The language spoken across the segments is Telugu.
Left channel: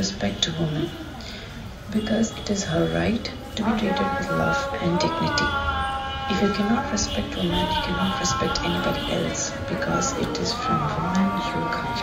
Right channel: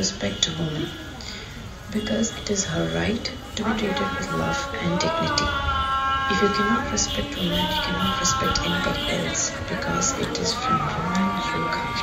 respect a woman because it is her right to be treated with love and dignity. If you cannot respect women, you cannot respect anybody else because it is from woman you come.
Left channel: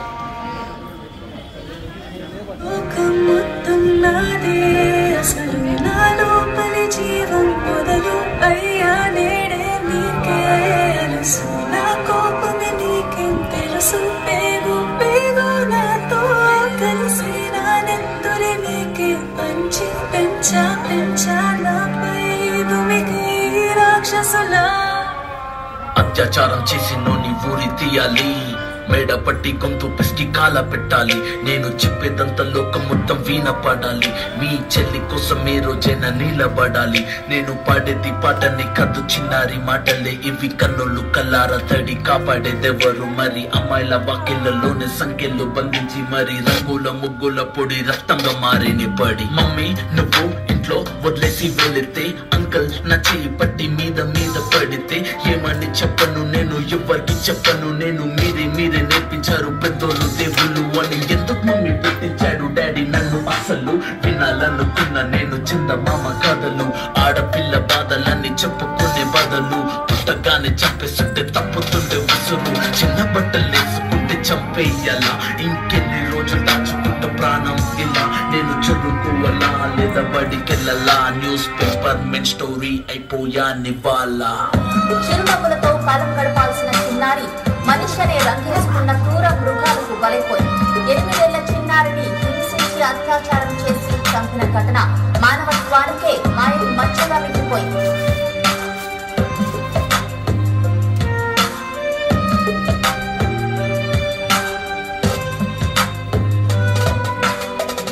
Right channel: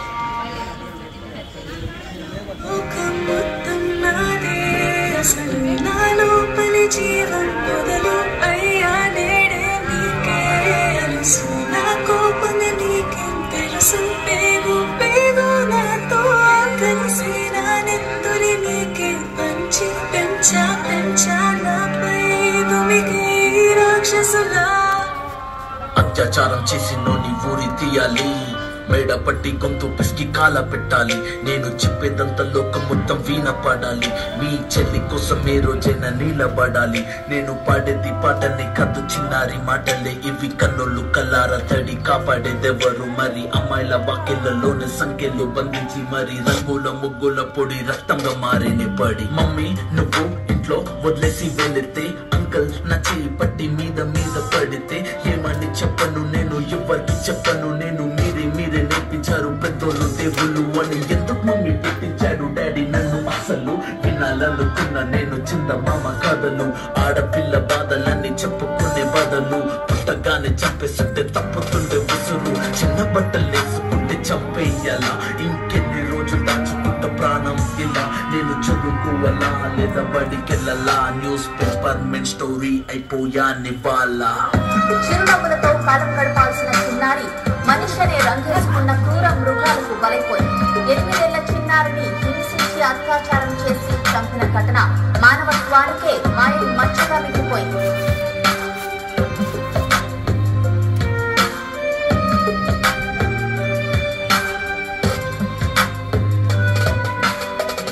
అత్యాచారం చేసినోని ఊరి తీయాలి, మేడ పట్టి గొంతు పిసికి కాల పెట్టాలి. నేను చెప్పేదంతా లోకం మొత్తం వీణ పాడాలి. మీ చెల్లి కోసం ఏ రోజైనా నిలబడాలి. నేను పాడేది పాటని కద్దు చిన్నారి మాటలే ఇవి. కన్నులు కల్లార తడి కాపాడేదెవరు మరి? అమ్మాయిల వాక్యలలోనే సంఖ్యలు బంధించి మరి రంగుల ముగ్గుల పొడి రక్తంగా మారిని పడి. మమ్మీ నువ్వు ఇంట్లో వదిలేసి వెళితే, అంకల్ నా చెయ్యి పట్టి మీద మీద పడితే ఏమని చెప్పను నేను, ఎవరికి చెప్పను నేను. మీరే నేర్పించారు పెద్దోళ్ళు దేవుళ్ళు అని. ఎందుకు మమ్మీ పెట్టించాడు డాడీ నన్ను? అసలు వినాలనుకున్న నేను చందమామ కథలు. ఆడపిల్ల బాధలన్నీ చెప్పుకునే బదులు పుట్టగానే చంపేస్తుంటే తప్పుతుండే ఉసురు. చిన్న బట్టలు వేసుకుంటే చంపేయాలా? ఇంకెన్ని రోజులు దాచుకుంట ప్రాణం ఇలా? నేను చదువుకోవాలా లేదా బడికెళ్ళాలా? న్యూస్ పేపర్ మెన్ స్టోరీ అయిపోయా నివాలా. చిరునవ్వులతో కాలం గడపాల్సిన చిన్నారి మనిషినే రంగేసుకున్న క్రూర మృగాలకు బలైపోయింది. 8 ఏళ్ల చిన్నారిని హింసించి అత్యాచారం చేసి చంపిన ఘటన మానవత్వానికే మాయలు మచ్చగా మిగిలిపోయింది.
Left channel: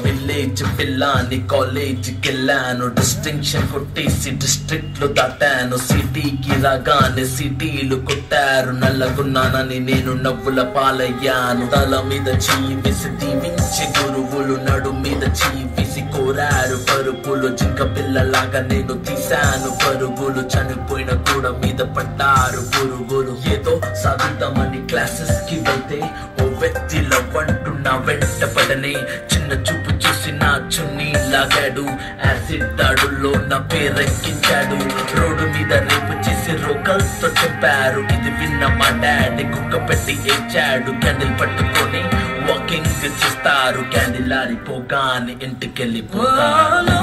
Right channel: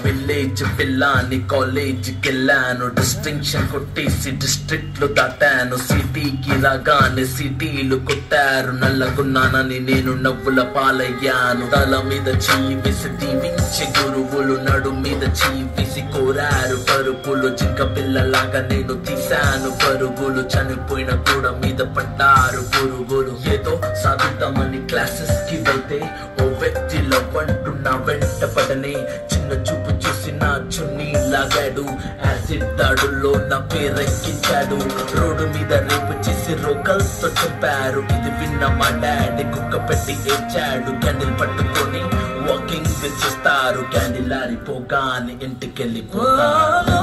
విలేజ్ పిల్లాని కాలేజీకి వెళ్ళాను, డిస్టింక్షన్ కొట్టేసి డిస్ట్రిక్ట్ లో దాటాను. సిటీకి రాగానే సిటీలు కొట్టారు, నల్లగున్నానని నేను నవ్వుల పాలయ్యాను. తల మీద చెయ్యి వేసి దీవించే గురువులు, నడు మీద చెయ్యి వేసి కోరారు పరుపులు. జింక పిల్లలాగా నేను తీశాను పరుగులు, చనిపోయిన కూడా మీద పడ్డారు పురుగులు. ఏదో సాధిద్దామని క్లాసెస్ కి వెళ్తే ఓ వ్యక్తిలో వంటున్నా వెంట పడనే. చిన్న చూపు చూసి నా చున్నీ లాగాడు, యాసిడ్ దాడుల్లో నా పేరెక్కించాడు. రోడ్డు మీద రేపు చేసి రోకల్తో చంపారు. ఇది విన్న మా డాడీ కుక్క పెట్టి ఏడ్చాడు. క్యాండిల్ పట్టుకొని వాకింగ్ చేస్తారు, క్యాండిల్ ఆరిపోగానే ఇంటికెళ్ళిపోతారు.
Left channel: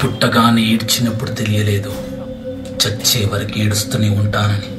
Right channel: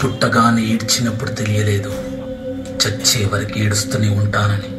పుట్టగానే ఏడ్చినప్పుడు తెలియలేదు, చచ్చే వరకు ఏడుస్తూనే ఉంటానని.